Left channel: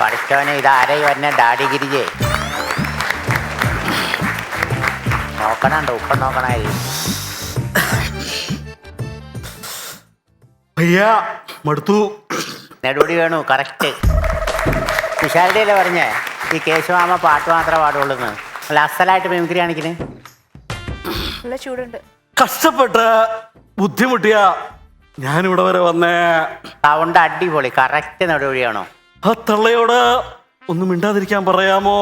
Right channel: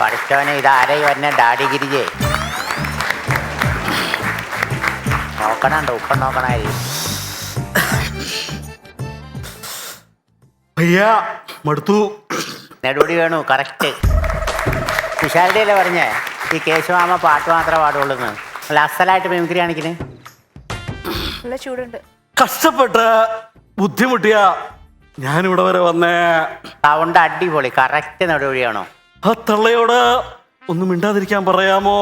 പഠിച്ചവനെ ഇതാരേ വന്നെ ഡാഡി ഗിരിജേ നോക്കണുണ്ട് ഉപ്പം നോക്കണായി അയ്യാ മടുത്തു. നെടുപടി വേണു കറക്റ്റ്. വിശാലിയല്ലേ പറഞ്ഞേ ഈ കേശവാമ പാട്ട് മാത്രമേ പാടുള്ളൂന്ന്. അല്ല അസലായിട്ട് മിമിക്രി കാണിക്കണേ. നല്ല ചൂടുണ്ട്. കഷ്ടപ്പെട്ട് ബുദ്ധിമുട്ടിയ ഞാനിവിടെ വരെ വന്നേ. സൗണ്ട് അടിപൊളി കറക്റ്റ് നെടുപടിയാണോ? ആ തള്ളയോട് ഒന്നും മിണ്ടാതിരിക്കാൻ പറയാമോ?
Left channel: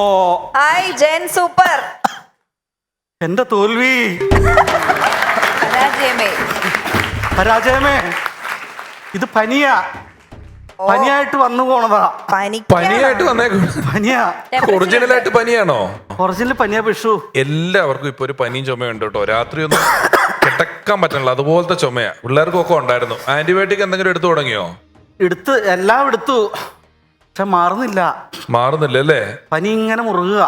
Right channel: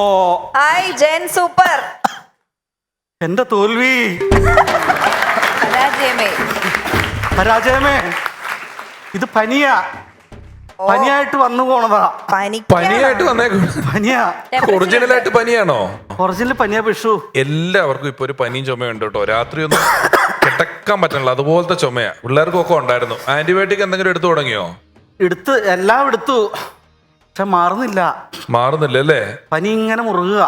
ഹായ് ജെൻ സൂപ്പർ. എന്റെ തോൽവി പരാജയമേ ഇത് പനിയാ. പനിയായിട്ട് വന്നു പോണതാ. പനിയായിട്ട് വന്നേക്കും. പനിയാ. ഒറിജിനലായിട്ട് പനിയാണോ? ഒറിജിനൽ പനിയാ പിഷു. എല്ലാവർക്കും ഇപ്പൊ ഒരു പനിയും ചുമയുണ്ട് കേട്ടോ. രാത്രി ഒന്നും കിടക്കാൻ പറ്റണില്ല, അതുപോലത്തെ ചുമയാ. പിള്ളേർക്കൊക്കെ ഉണ്ടായിരുന്നു. ആന്റിബയോട്ടിക് എന്തെങ്കിലും എടുത്തു തുടങ്ങിയോ? എല്ലാം എടുത്തു, പക്ഷെ മാറുന്നില്ല അല്ലേ? പനി ഇങ്ങനെ മുറുകുക.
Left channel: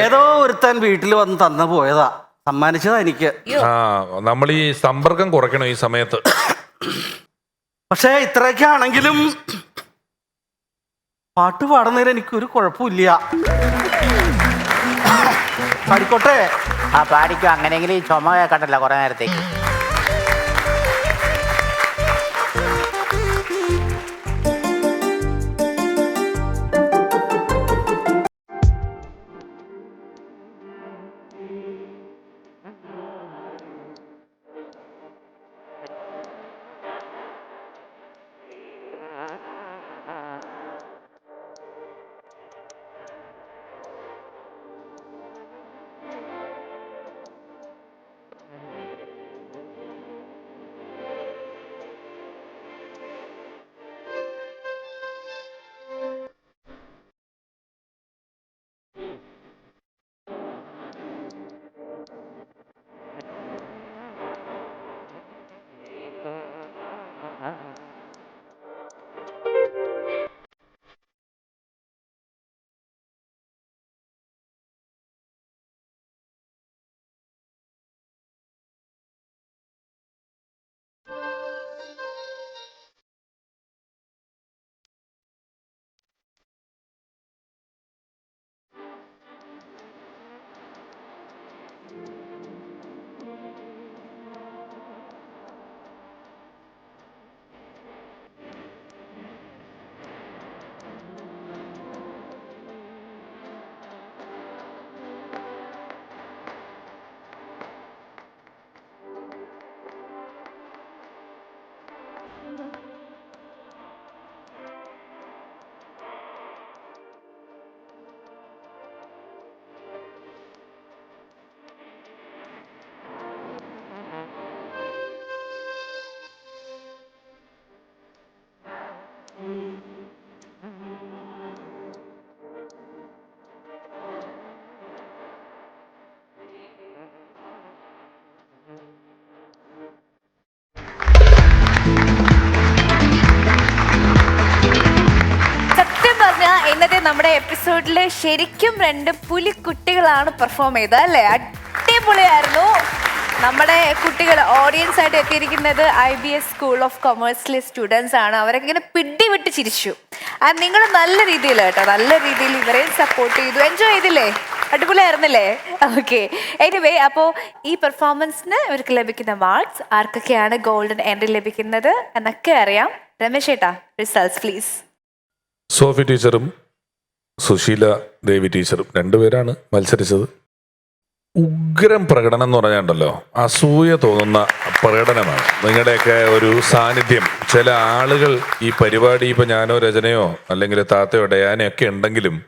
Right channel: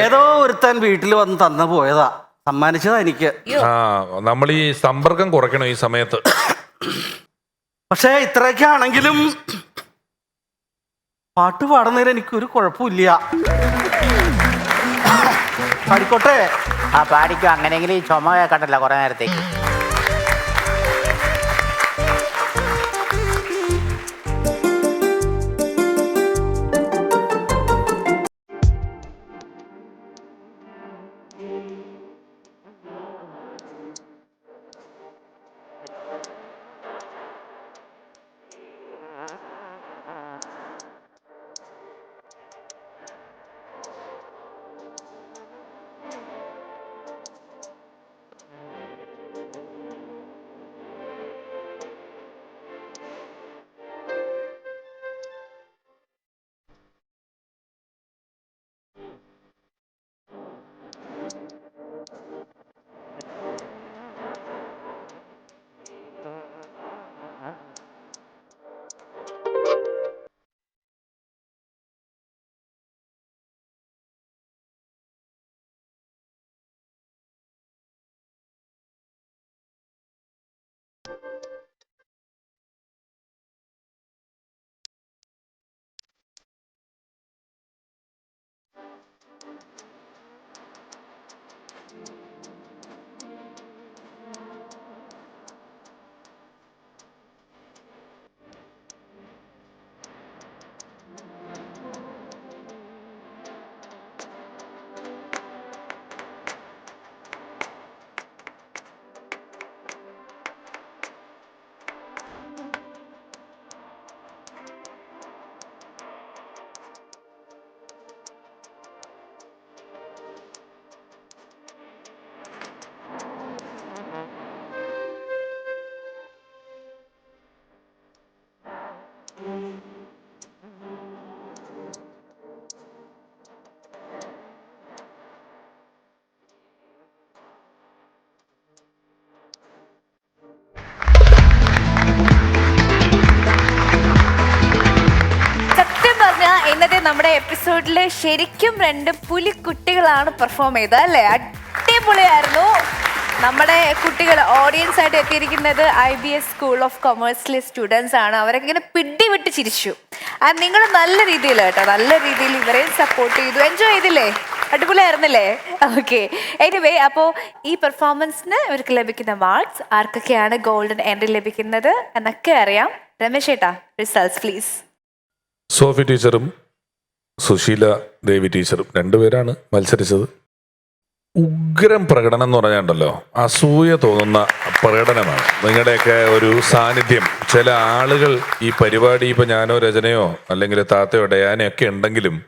ഏതോ ഒരുത്താൻ വീട്ടിൽ വന്ന് തന്നു പോയതാ, സമ്മാനിച്ചതാ എനിക്ക്. ആ, നമ്മൾ ഈ സമ്പർക്കം കുറയ്ക്കണം ഈ സമയത്ത്. പക്ഷെ ഇത്രയൊക്കെ ആണെങ്കിലും പാട്ട് പാടുന്നതിൽ എനിക്കൊരു കുഴപ്പമില്ല. പാടിക്കോട്ടെ? ആ പാടിക്കോ. അങ്ങനെയെങ്കിലും ഈ ചുമ കേൾക്കണ്ടല്ലോ കുറെ നേരത്തേക്ക്. ഇന്നത്തെ നമ്മുടെ എപ്പിസോഡില് ശരിക്കും രണ്ട് പുലിക്കുട്ടികളാണ് പെർഫോം ചെയ്തത് അല്ലേ? അടിപൊളിയായിരുന്നു. നമ്മുടെ കുട്ടികൾ ഓഡിയൻസ് ആയിട്ട് എത്തിയിരിക്കുന്നത് IBS സ്കൂൾ ഓഫ് കൊമേഴ്സിലെ സ്റ്റുഡൻസ് ആണ്. അവരെങ്ങനെ പിടിവിട്ട് ചിരിച്ചു. നിങ്ങൾ നല്ല രീതിയിൽ കേട്ടോ, നല്ല രീതിയിൽ ഇവരെ സപ്പോർട്ട് ചെയ്തു. എൻജോയ് ചെയ്തില്ലേ? അടിപൊളിയായിരുന്നില്ലേ? ഓക്കെ. എനിവേ, അപ്പോൾ ഈ പെർഫോമൻസിന് ഇവർക്ക് ലഭിക്കുന്ന അവാർഡ്സ്, ആർക്കൊക്കെയാണ് ഗോൾഡൻ എൻട്രി ലഭിക്കുന്നത് എന്നൊക്കെ അറിയാം. രമേശ് ഏട്ടാ, റിസൾട്ട്സ് പ്ലീസ്. സോഫി ടീച്ചറും സുശീല ദേവി ടീച്ചറും രണ്ടുപേരാണ് മത്സരിച്ചത്. ഉഗ്രം പ്രകടനം എന്ന് പറഞ്ഞാണ്ടല്ലോ, അസൂയ തോന്നുന്ന പ്രകടനമാണ്. നിങ്ങളുടെയൊക്കെ ഒരു സാന്നിധ്യം. ചില ആളുകൾ ഈ പരിപാടി, ഇപ്പം ഞാനോ രചനയോ അല്ലെങ്കിൽ താത്തയോ ഡയാനയോ ഒക്കെ ഉണ്ടെങ്കിലും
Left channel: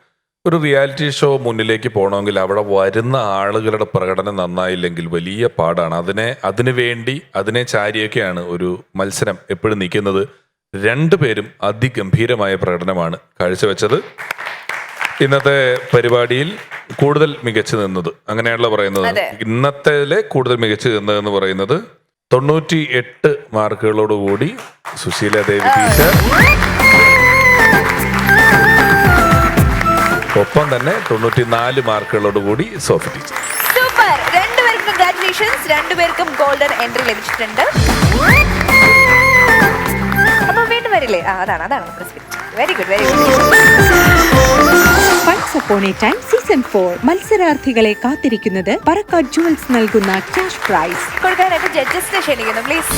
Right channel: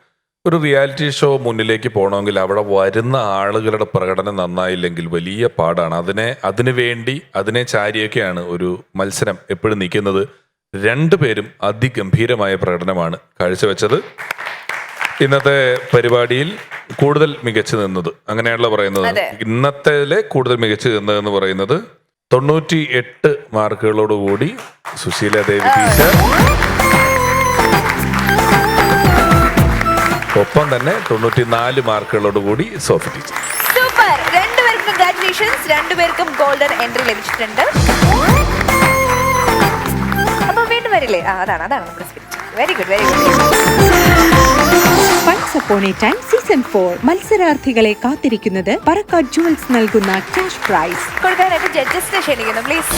ഒരു റിയാലിറ്റി ഷോ മുന്നിലേക്ക് പോകണമെങ്കിൽ അവിടെ വരുന്ന ആളുകളുടെ പ്രകടനം നന്നായില്ലെങ്കിൽ വലിയ പാടാണ്. അതിനെ ചാരിയൊക്കെയാണ് ഒരു മത്സരം എപ്പോഴും നിൽക്കുന്നത്. രണ്ടുപേരും അതിഗംഭീരമായ പ്രകടനമാണ് കാഴ്ചവെച്ചത്. ഇന്നത്തെ പരിപാടിയിൽ കൂടുതൽ മികച്ചു നിന്നത്, അങ്ങനെയാണല്ലോ പറയുന്നത്, ഇന്നത്തേലെ കൂടുതൽ മികച്ചു നിന്നതെന്ന് പറയുന്നത് 98 മാർക്കുകളോടുകൂടി സുശീല ദേവി ടീച്ചർ, ഒപ്പം തന്നെ 94 മാർക്കുകളോടുകൂടി സോഫി ടീച്ചർ. സൂപ്പർ. രണ്ടുപേർക്കും കൺഗ്രാറ്റുലേഷൻസ്. രണ്ടുപേർക്കും ഗോൾഡൻ എൻട്രി ലഭിച്ചിട്ടുണ്ട്. അപ്പൊ വീണ്ടും വരില്ലേ? അതാണ് നമ്മുടെ script. Very good very good. Once upon a time season 4 മത്സരാർത്ഥികളെ കാത്തിരിക്കുന്നത് പറക്കാട് ജുവൽസ് നൽകുന്ന ക്യാഷ് പ്രൈസ്. കൊടുക്കാനായിട്ട് ജഡ്ജസിനെ ക്ഷണിക്കുന്നു പ്ലീസ്.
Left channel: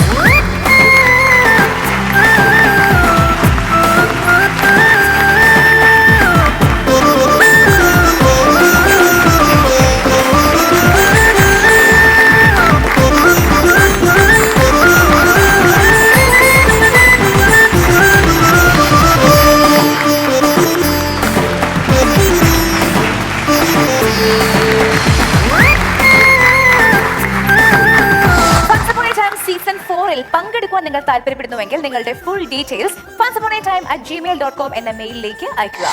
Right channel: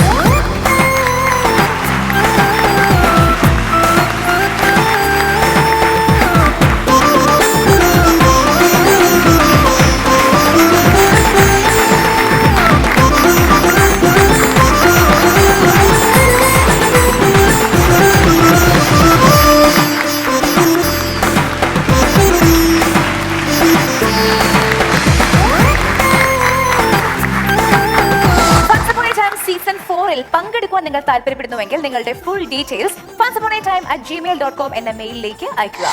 സീസൺ 4 പങ്കെടുക്കുവാൻ നിങ്ങൾ താല്പര്യപ്പെടുന്നുവെങ്കിൽ നിങ്ങളുടെ full details onceupon a time@gmail.com എന്ന മെയിലിലേക്ക് അയക്കുക.